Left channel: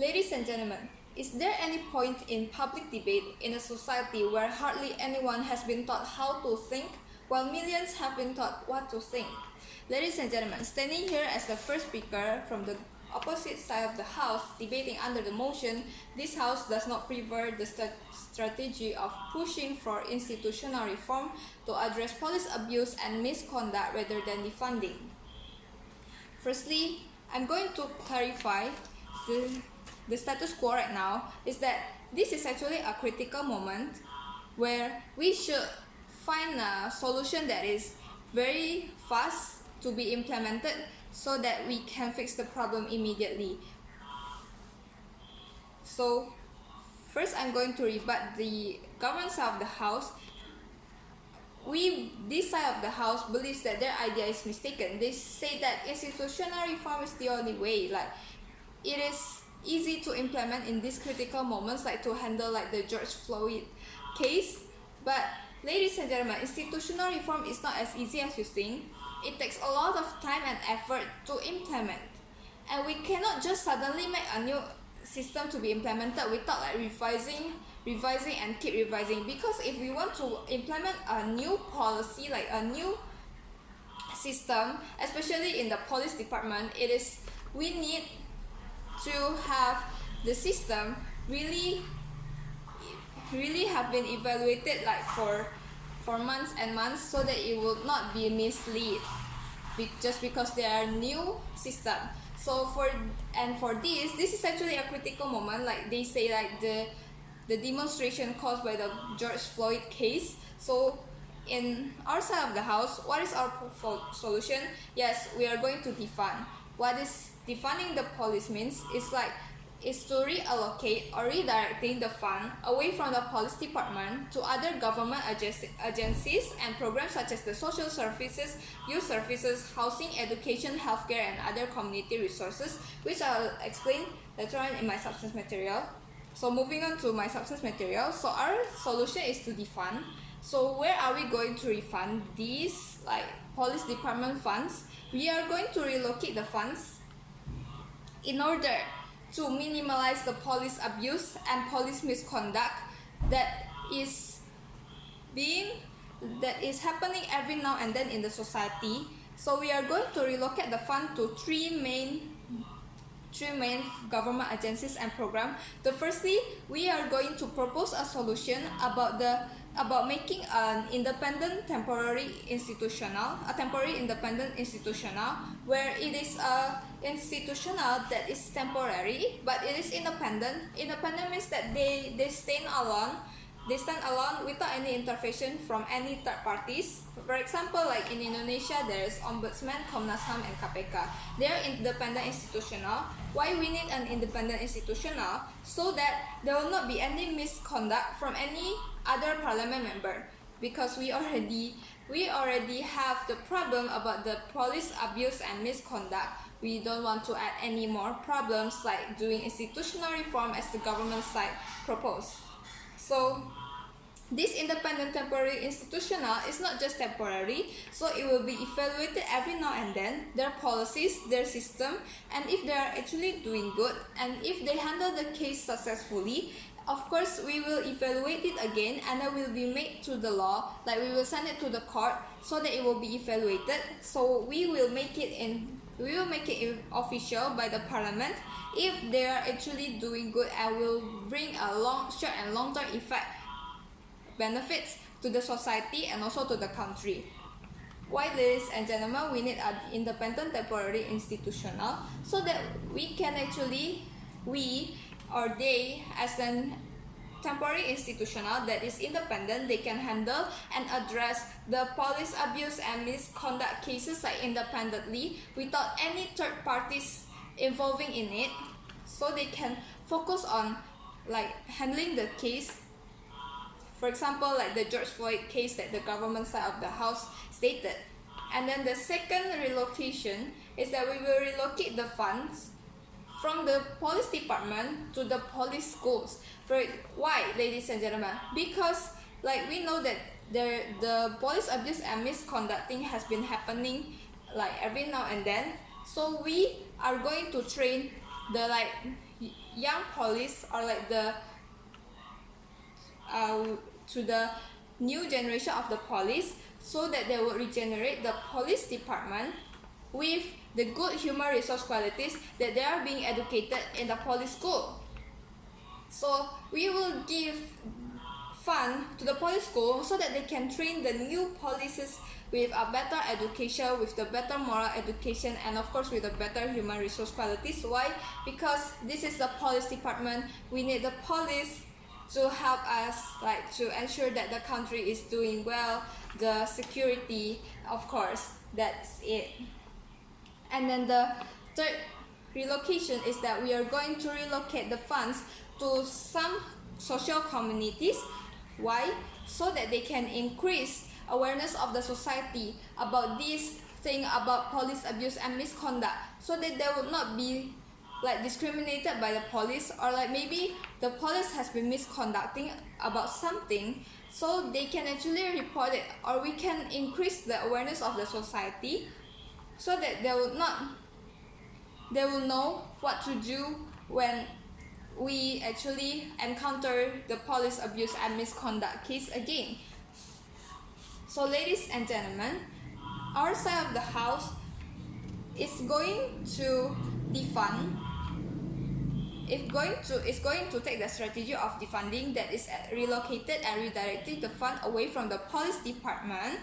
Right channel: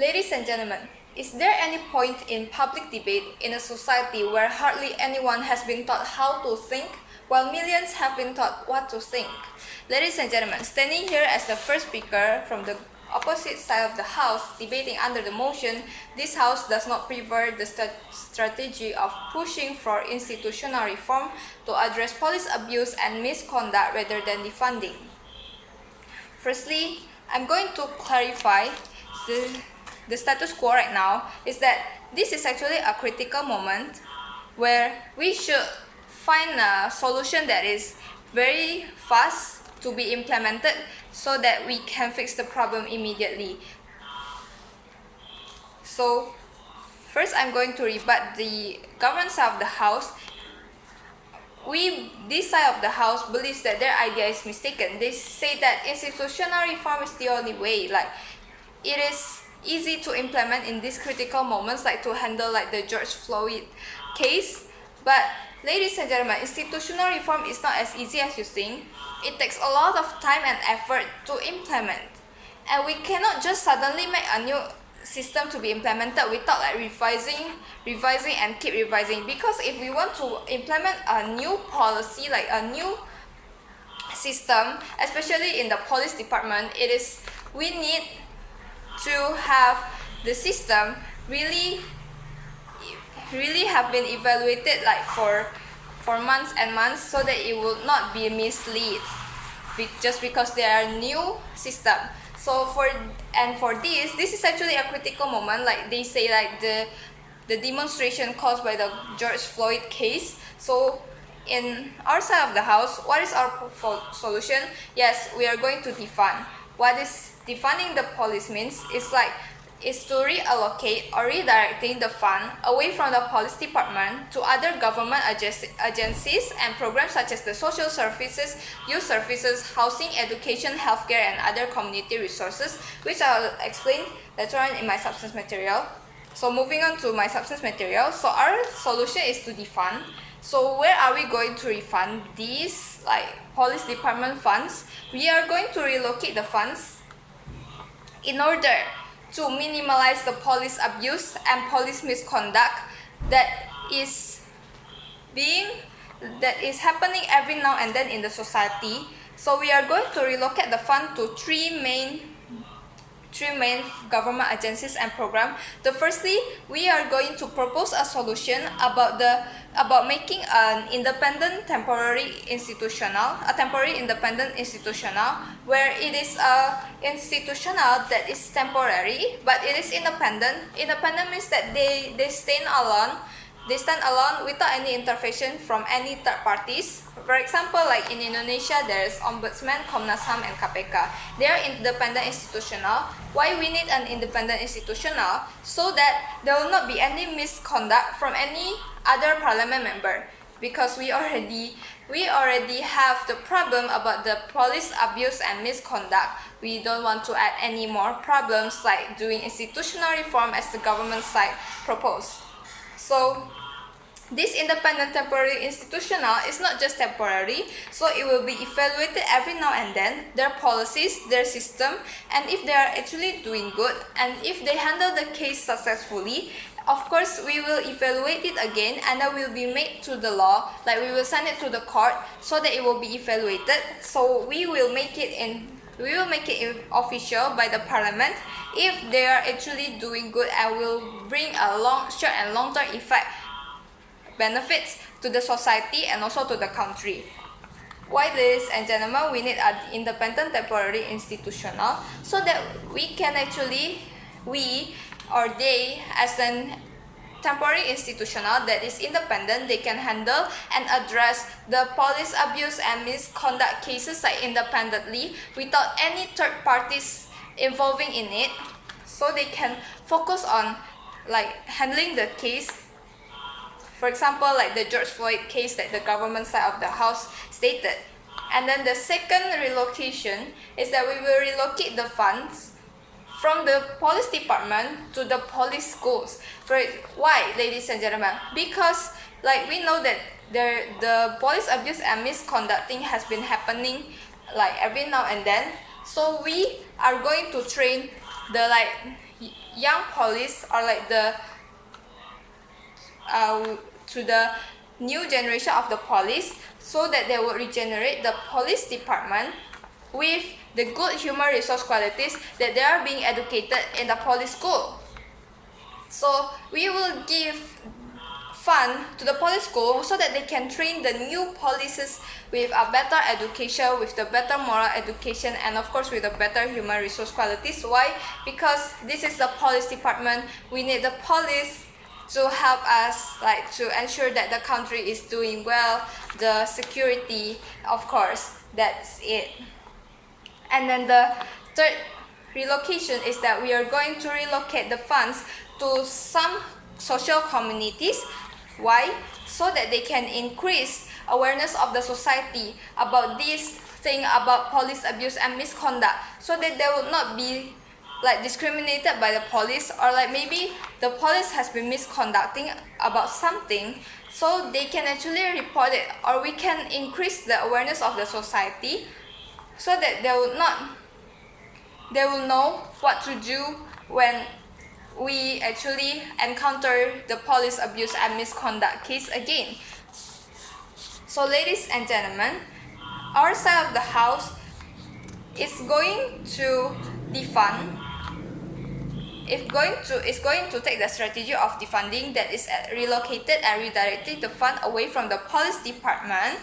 Ladies and gentlemen, is there any point in public debate in a society where hardly anyone has been taught how to think, while millions have been taught what to think? Ladies and gentlemen, standing here as the first speaker from the opposite side of the House debating under the motion, this House does not prefer the strategy of pushing for institutional reform to address police abuse and misconduct rather than defunding. Firstly, I'm going to clarify the status quo right now is that this is actually a critical moment where we should find a solution that is very fast to be implemented so that we can fix the problem immediately. So first I'm going to rebut the government side of the House. This side of the House believes that their idea is mistaken. They say that institutional reform is the only way, like it is easy to implement in these critical moments, like to handle like the George Floyd case. But ladies and gentlemen, institutional reform is not as easy as you think. It takes a lot of time and effort to implement, and we cannot just suddenly make a new system to be implemented without like revising and keep revising. Because if we want to implement a new policy, like a new system, especially in the police department, we need to have the system really have been evaluated like for months and months, so that it will not be mislead just because they are new system. So for this is actually a critical moment, like they say, like the demonstration caused by the George Floyd case. So in our side of the House, what is our solution? Yes, we are going to defund. What is defunding the police means is to reallocate or redirecting the fund away from the police department to other government agencies and programs such as the social services, youth services, housing, education, healthcare, and other community resources, which I'll explain later on in my substance material. So moving on to my substance material, so our solution is to defund. So where are we going to refund these like police department funds? We are going to relocate the funds in order to minimize the police abuse and police misconduct that is happening every now and then in the society. So we are going to relocate the fund to three main government agencies and programs. Firstly, we are going to propose a solution about making a temporary institutional where it is a institutional that is temporary but it is independent. Independent means that they stand alone without any intervention from any third parties. For example, like in Indonesia, there is Ombudsman, Komnas HAM, and KPK. They are independent institutional. Why we need an independent institutional? So that there will not be any misconduct from any other parliament member. Because we already have the problem about the police abuse and misconduct. We don't want to add any more problems like doing institutional reform as the government side proposed. So this independent temporary institutional is not just temporary, so it will be evaluated every now and then, their policies, their system, and if they are actually doing good, and if they handle the case successfully, of course we will evaluate it again, and that will be made to the law, like we will send it to the court so that it will be evaluated. So we will make it official by the parliament if they are actually doing good and will bring a short and long-term effect benefits to the society and also to the country. Why, ladies and gentlemen, we need an independent temporary institutional so that they as an temporary institutional that is independent, they can handle and address the police abuse and misconduct cases like independently without any third parties involving in it, so they can focus on like handling the case. For example, like the George Floyd case that the government side of the House stated. And then the second relocation is that we will relocate the funds from the police department to the police schools. Why, ladies and gentlemen? Because like we know that the police abuse and misconducting has been happening like every now and then. So we are going to train the young police, or like the to the new generation of the police, so that they will regenerate the police department with the good human resource qualities that they are being educated in the police school. So we will give fund to the police school so that they can train the new policies with a better education, with the better moral education, and of course with the better human resource qualities. Why? Because this is the police department. We need the police to help us, like, to ensure that the country is doing well, the security, of course, that's it. And then the third relocation is that we are going to relocate the funds to some social communities. Why? So that they can increase awareness of the society about this thing about police abuse and misconduct, so that they will not be like discriminated by the police, or like maybe the police has been misconducting about something, so they can actually report it, or we can increase the awareness of the society so that they will know what to do when we actually encounter the police abuse and misconduct case again. So ladies and gentlemen, our side of the house is going to defund. It's going to take the strategy of defunding, that is relocated and redirected the fund away from the police department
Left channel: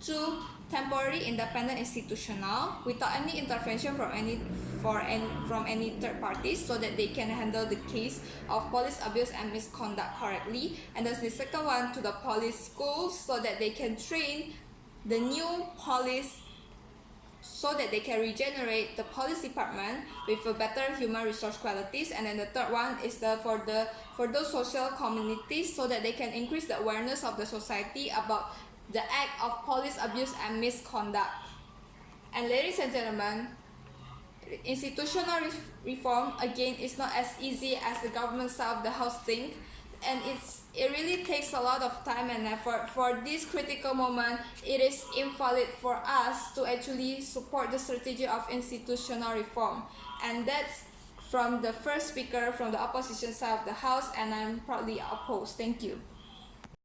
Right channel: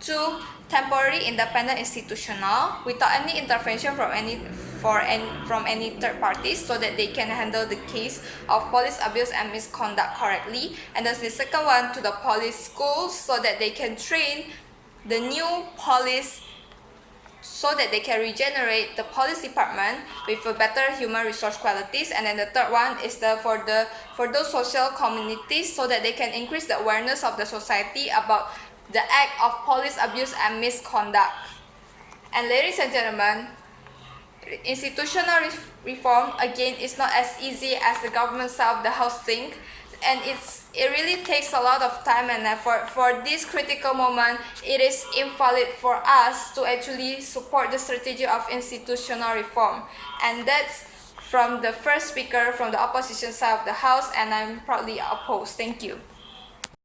to temporary independent institutional without any intervention from any third parties, so that they can handle the case of police abuse and misconduct correctly. And then the second one, to the police schools, so that they can train the new police, so that they can regenerate the police department with a better human resource qualities. And then the third one is for those social communities, so that they can increase the awareness of the society about the act of police abuse and misconduct. And ladies and gentlemen, institutional reform again is not as easy as the government side of the house think, and it really takes a lot of time and effort. For this critical moment, it is invalid for us to actually support the strategy of institutional reform. And that's from the first speaker from the opposition side of the house, and I'm proudly opposed. Thank you.